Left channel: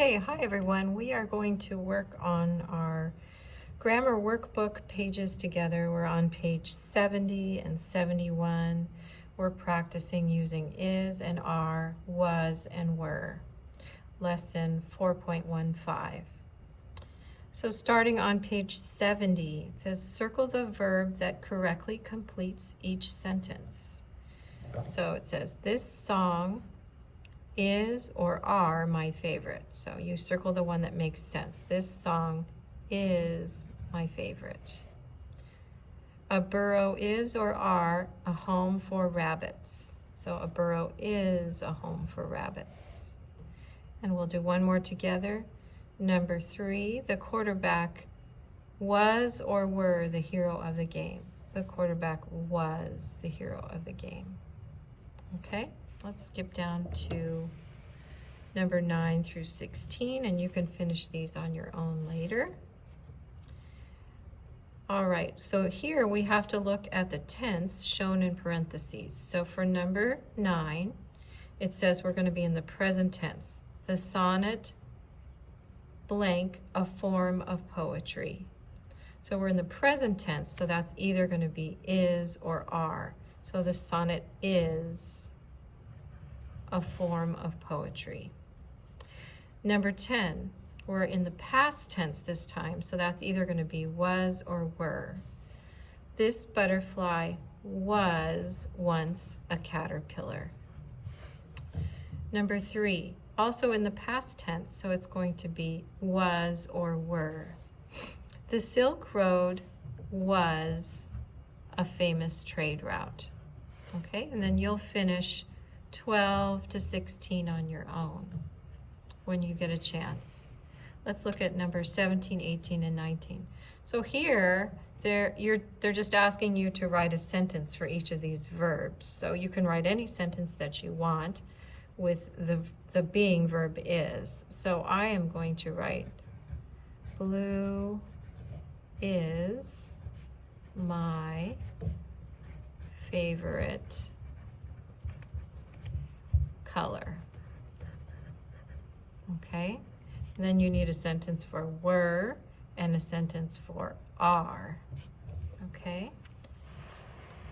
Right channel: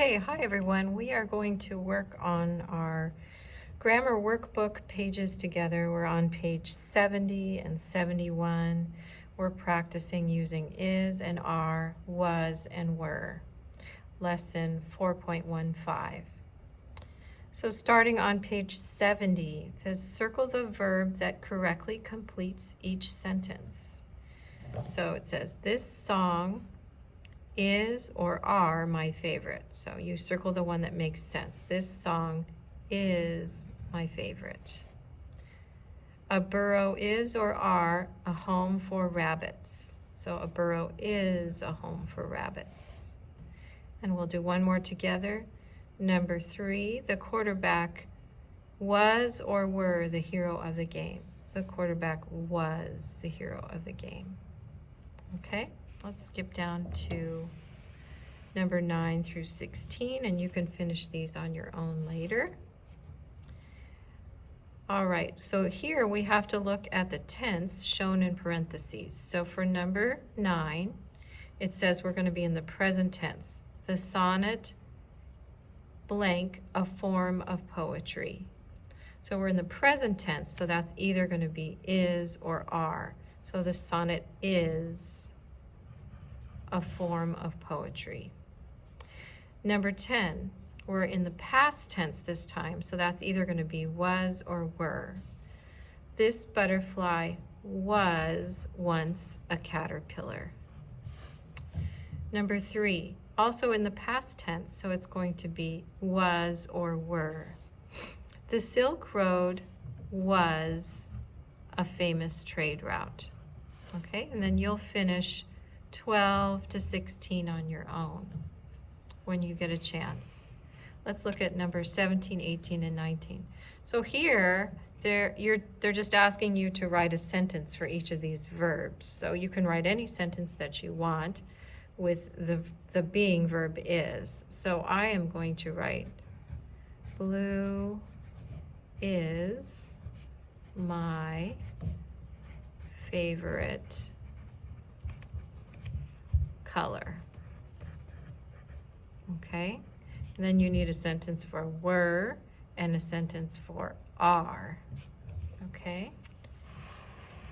Okay, hi everyone. We are going to work on our grammar workbook pages together. We're on page 70 and 71. We're practicing using is and are, was and were. Lesson 4.15. So starting on page 70, it says circle the verb that correctly completes each sentence. So it says, this song is or are my favorite. So you circle the one that makes sense. This song is my favorite. A burrow is or are a home for rabbits. So a burrow is a home for rabbits. And we'll do one more together. Number 3, the quarterback was or were the hero of the game. The quarterback was the hero of the game. Okay, let's skip down to number 9 through 16, and you can finish these on your own later. All right, so here we have to look at the tense shown in parentheses. So for number 9, it says we're going to be in the present tense. The sonnet blank, a form of poetry. So we're in the present tense, so that's either going to be is or are. So the sonnet is a form of poetry. Number 10, we're in the past tense this time, so that's either going to be was or were. This butterfly was once a caterpillar. Number 3, also in the past tense, so it's going to be was or were. The Silk Road was a famous trade route. Okay, and then you'll finish 12 to 16 on your own when you get a chance. Let's look at number 17, 18, and 19. So here, they're just asking you to write a sentence for each of these verbs. So you can write any sentence that you want with the being verb is. So I am going to write, blue is my favorite color. Okay, and then you need a sentence for were and a sentence for are. Okay,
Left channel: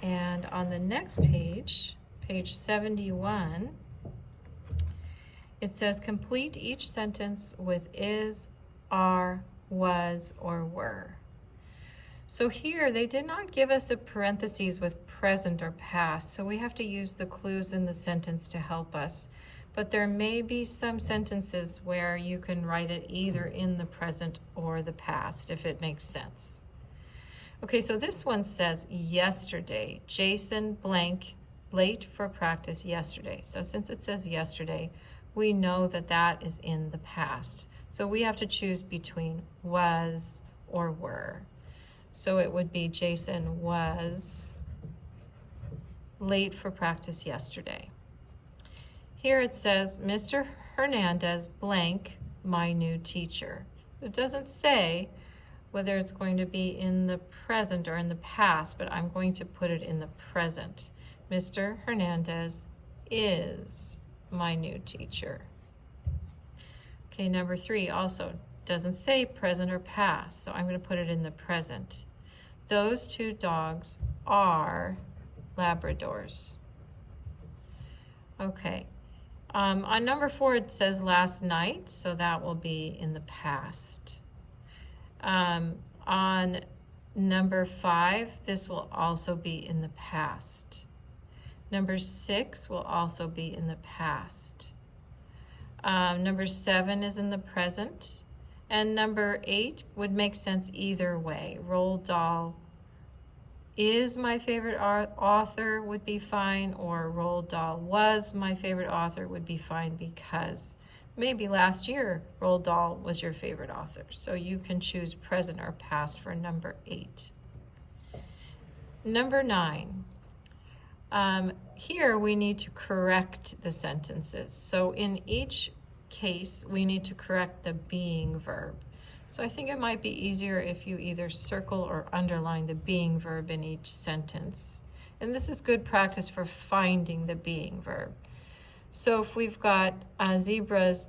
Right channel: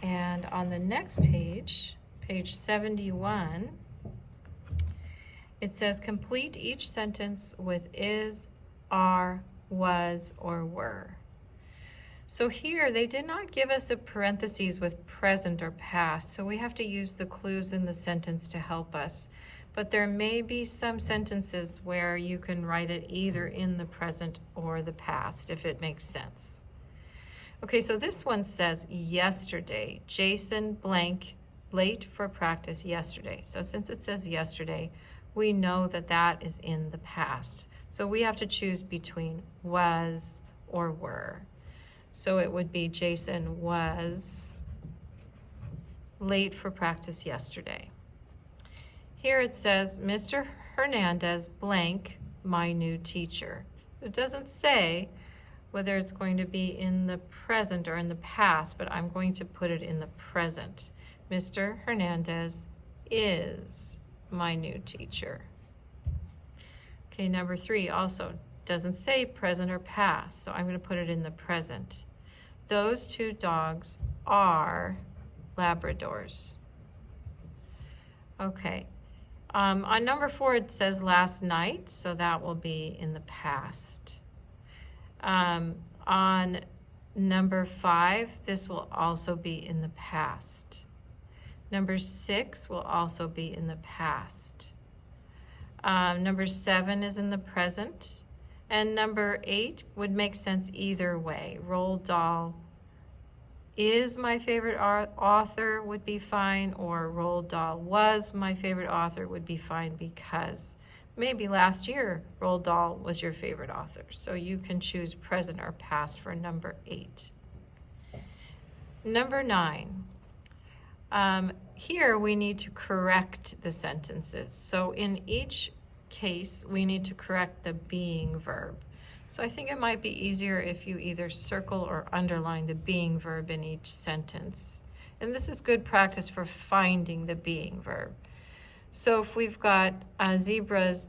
and on the next page, page 71, it says complete each sentence with is, are, was, or were. So here, they did not give us a parentheses with present or past, so we have to use the clues in the sentence to help us. But there may be some sentences where you can write it either in the present or the past, if it makes sense. Okay, so this one says yesterday. Jason blank late for practice yesterday. So since it says yesterday, we know that that is in the past. So we have to choose between was or were. So it would be Jason was late for practice yesterday. Here it says, Mr. Hernandez blank, my new teacher. It doesn't say whether it's going to be in the present or in the past, but I'm going to put it in the present. Mr. Hernandez is my new teacher. Okay, number 3 also doesn't say present or past, so I'm going to put it in the present. Those 2 dogs are Labradors. Okay, on number 4 it says last night, so that will be in the past. On number 5, this will also be in the past. Number 6 will also be in the past. Number 7 is in the present. And number 8 would make sense either way. Roald Dahl is my favorite author would be fine, or Roald Dahl was my favorite author would be fine, because maybe last year Roald Dahl was your favorite author. So you can choose present or past for number 8. Number 9. Here we need to correct the sentences. So in each case, we need to correct the being verb. So I think it might be easier if you either circle or underline the being verb in each sentence. And this is good practice for finding the being verb. So if we've got zebras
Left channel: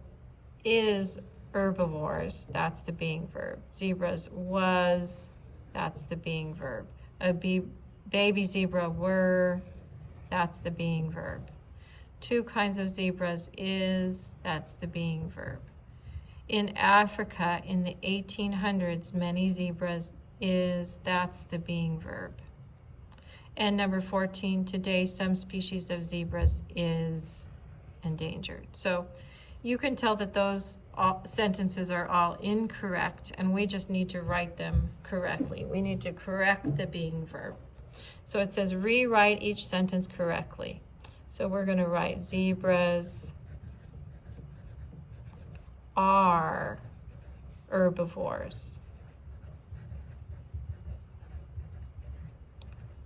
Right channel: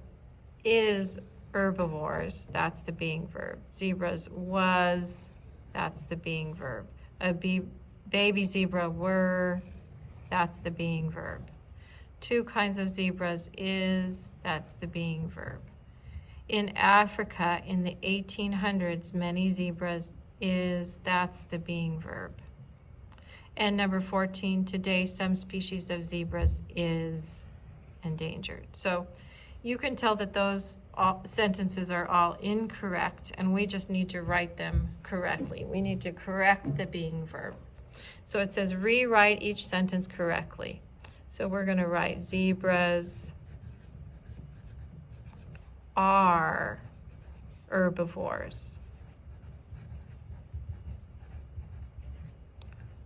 is herbivores, that's the being verb. Zebras was, that's the being verb. A baby zebra were, that's the being verb. Two kinds of zebras is, that's the being verb. In Africa in the 1800s, many zebras is, that's the being verb. And number 14, today some species of zebras is endangered. So you can tell that those sentences are all incorrect, and we just need to write them correctly. We need to correct the being verb. So it says rewrite each sentence correctly. So we're going to write zebras are herbivores,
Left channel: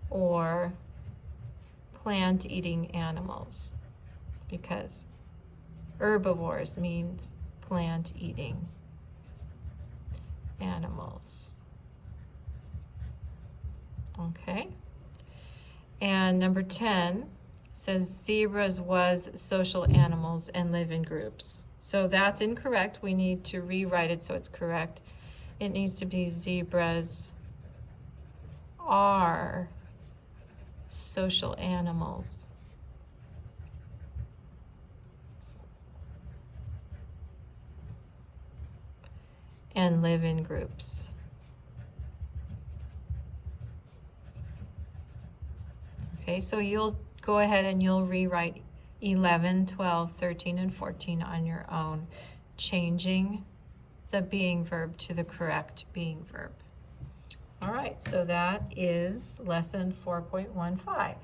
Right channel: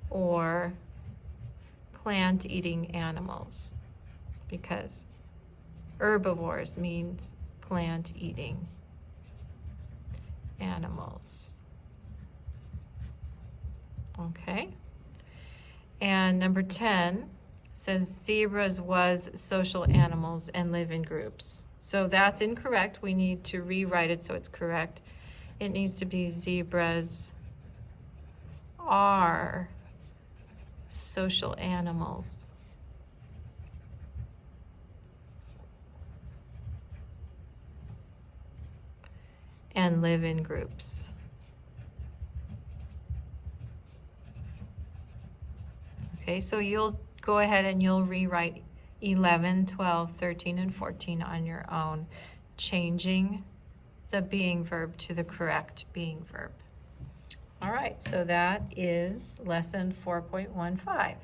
or plant-eating animals, because herbivores means plant-eating animals. Okay. And number 10 says zebras was social animals and live in groups. So that's incorrect. We need to rewrite it so it's correct. It needs to be zebras are social animals and live in groups. Okay, so you'll go ahead and you'll rewrite 11, 12, 13, and 14 on your own, changing the being verb to the correct being verb. All right, so that is lesson 4.15.